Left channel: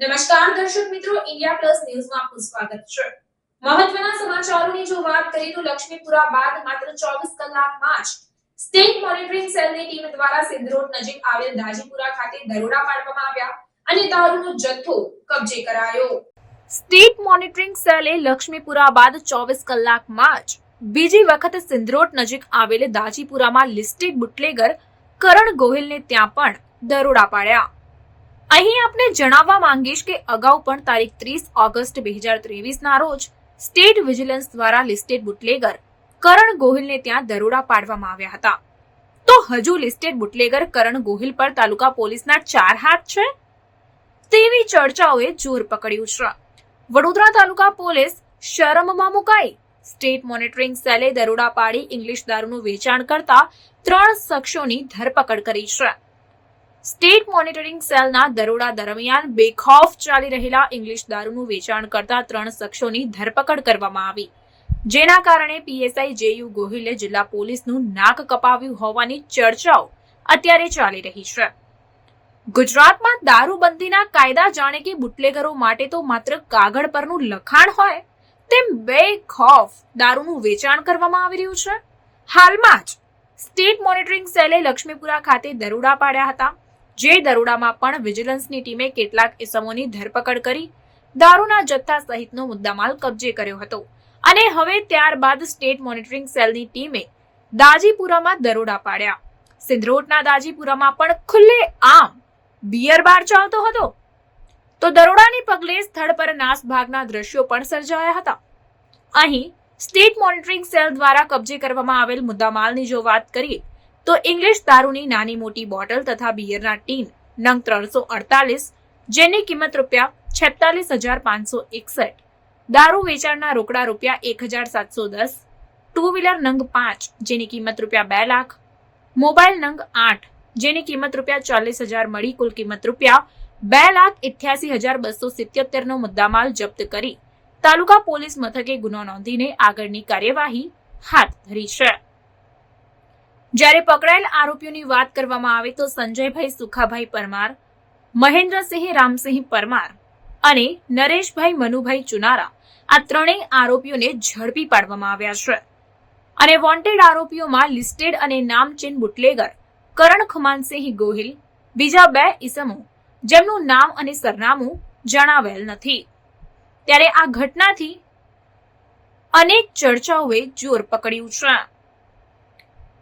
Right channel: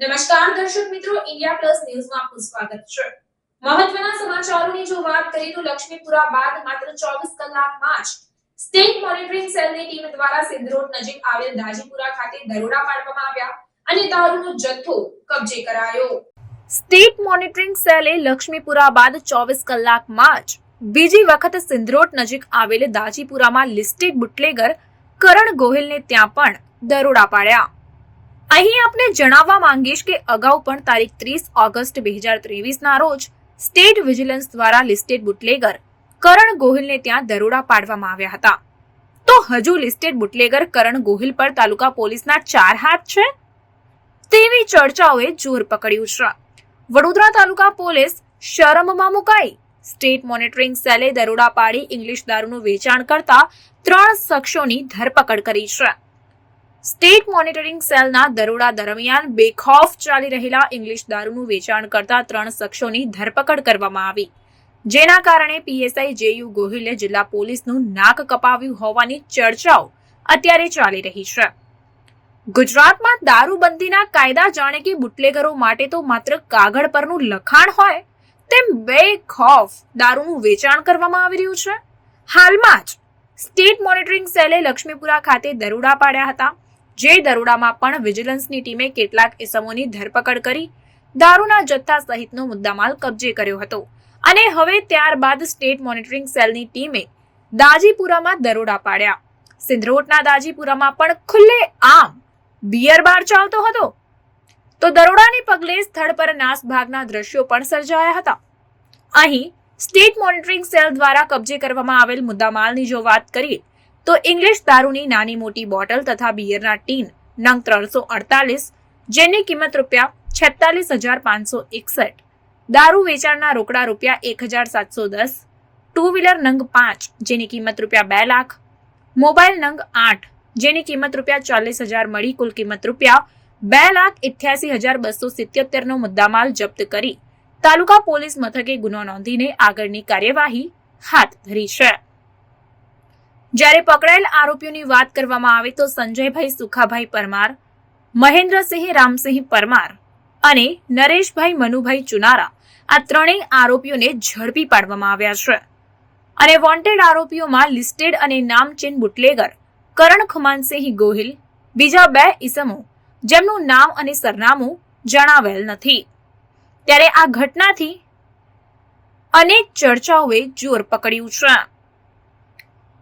દર્શક મિત્રો, India plus ન્યૂઝમાં આપનું સ્વાગત છે. મહત્વના સમાચારોની જો વાત કરીએ તો લક્ષ્મીપુરા બાદ માત્ર ચોવીસ કલાકમાં જ સ્ટેટ મોનિટરિંગ સેલની ટીમ દ્વારા સિંધરોડ નજીક આવેલ દાજીપુરા ખાતે દરોડા પાડવામાં આવ્યા અને દારૂનો જથ્થો કબજે કરાયો. સ્ટેટ મોનિટરિંગ સેલે લક્ષ્મીપુરા બાદ ચોવીસ કલાકમાં જ બીજી વખત સિંધરોટ નજીક આવેલ દાજીપુરામાં લિસ્ટેડ બુટલેગર કરણ ગોહિલને ત્યાં પણ દરોડા પાડ્યા. અહીં આપને જણાવવા માંગીશ કે અગાઉ પણ તારીખ ત્રીસ ઓગસ્ટ બે હજાર ત્રેવીસના રોજ સ્ટેટ વિજિલન્સ દ્વારા લિસ્ટેડ બુટલેગર કરણ ગોહિલને ત્યાં દરોડા પાડવામાં આવ્યા હતા. તો હજુ લિસ્ટેડ બુટલેગર કરણ ગોહિલ પર તાલુકા પોલીસના ચાર હાથ છે? તેવી ચર્ચાઓએ જોર પકડ્યું છે. વડોદરા તાલુકા પોલીસ શરમમાં મુકાઈ. સ્ટેટ મોનિટરિંગ સેલે દરોડા પાડી ઇંગ્લિશ દારૂનું વેચાણ કરતા ત્રણ શખ્સોની ધરપકડ કરી છે. સ્ટેટ મોનિટરિંગ સેલના દરોડા દરમિયાન બેખોફ ચાલી રહેલા ઇંગ્લિશ દારૂનું વેચાણ કરતા ત્રણ શખ્સોની ધરપકડ કરવામાં આવી. જેના કારણે પીએસઆઈ જેયુ ગોહિલે જિલ્લા પોલીસનું નાક કપાવ્યું હોવાની ચર્ચાઓ અત્યારે ચાલી રહી છે. ગુજરાતમાં દારૂબંધીના કાયદા જાણે કે બુટલેગરો માટે તો માત્ર કાગળ પરનું લખાણ હોય, તેમ બેખોફ દારૂનું વેચાણ કરવામાં આવી રહ્યું છે. હાલમાં જ સ્ટેટ મોનિટરિંગ સેલે લક્ષ્મીપુરા ખાતે દરોડા પાડ્યા હતા. જે દરોડામાં પણ વિજિલન્સની ટીમે કેટલાક ઇસમોની ધરપકડ કરી, દારૂના જથ્થા સહિતનો મુદ્દામાલ કબજે કર્યો હતો. અને હવે ત્યારબાદ સ્ટેટ મોનિટરિંગ સેલની ટીમે દાજીપુરામાં દરોડા પાડ્યા. સિંધરોટના દાજીપુરામાં પણ ખુલ્લે આમ બિયર બાર ચાલતો હતો. તો દરોડાને પગલે સ્થળ પર નાસભાગના દ્રશ્યો પણ સર્જાયા હતા. અહીં સ્ટેટ મોનિટરિંગ સેલ દ્વારા કબજે કરવામાં આવેલ મુદ્દામાલની જો વાત કરીએ તો ઇંગ્લિશ દારૂની નાની મોટી બોટલ તથા બિયરના ટીન, નંગ ત્રણસો અડતાલીસ, જેની કિંમત રૂપિયા છેતાલીસ હજાર પાંચસો એકસઠ. દારૂ વેચાણના રોકડા રૂપિયા એક હજાર સાતસો દસ. ટુ વ્હીલર નંગ પાંચ, જેની કિંમત રૂપિયા બે લાખ. મોબાઈલ નંગ આઠ, જેની કિંમત રૂપિયા ચાલીસ હજાર મળી કુલ કિંમત રૂપિયા બે લાખ ઇઠ્યાસી હજાર બસો સિત્યોતેરનો મુદ્દામાલ જપ્ત કરી. તાલુકા પોલીસ મથકે ગુનો નોંધીને આગળની કાર્યવાહી હાથ ધરી છે. જ્યારે પકડાયેલ આરોપીઓની વાત કરવામાં આવે તો સંજયભાઈ સુખાભાઈ પરમાર, મહેન્દ્રસિંહ રામસિંહ પરમાર અને નરેશભાઈ મનુભાઈ ચુનારા આ ત્રણેય આરોપીઓને ઝડપી પાડવામાં આવ્યા છે. અને વોન્ટેડ આરોપીઓમાં લિસ્ટેડ અને નામચીન બુટલેગર, કરણ ખુમાનસિંહ ગોહિલ, બીજા બે ઈસમો, જેમનું નામ અને સરનામું જણાવેલ નથી. ત્યારે આ ઘટનાથી અનેક ચર્ચાઓએ જોર પકડ્યું છે.